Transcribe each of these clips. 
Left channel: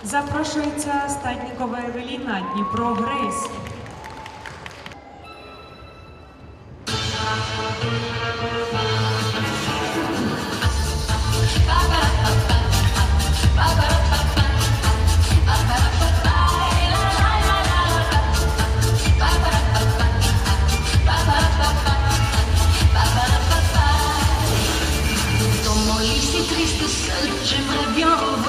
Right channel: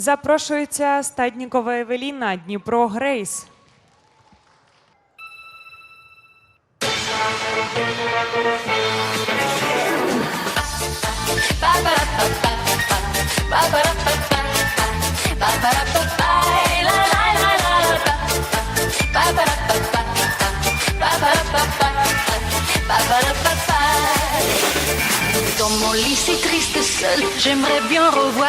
Запрошується Статнікова Евеліна, Дніпро Грейс. J'aimerais bien revoir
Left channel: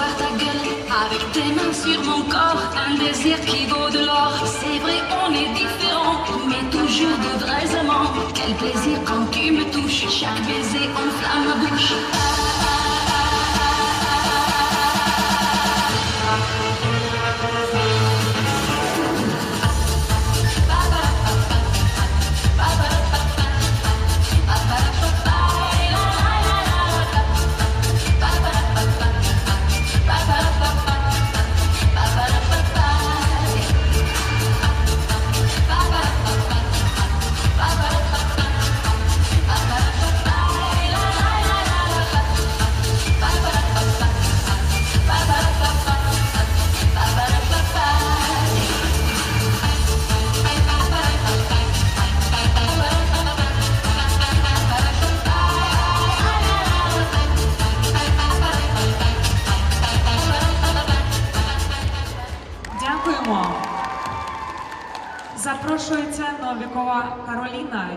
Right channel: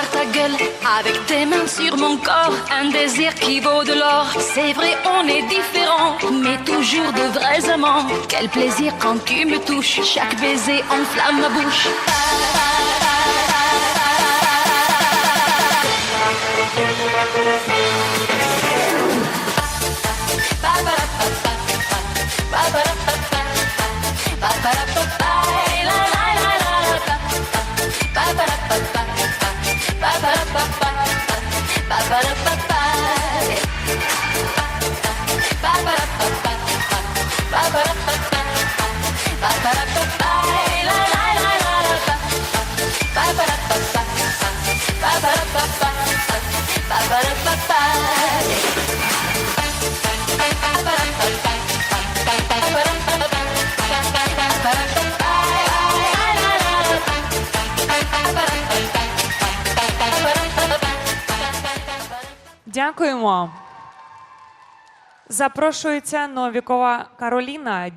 C'est vrai on est différents, mais toujours de vrais amants. Quel plaisir quand tu me touches, chaque baiser enflamme ma bouche Дякуємо. Запрошується Новікова Кароліна.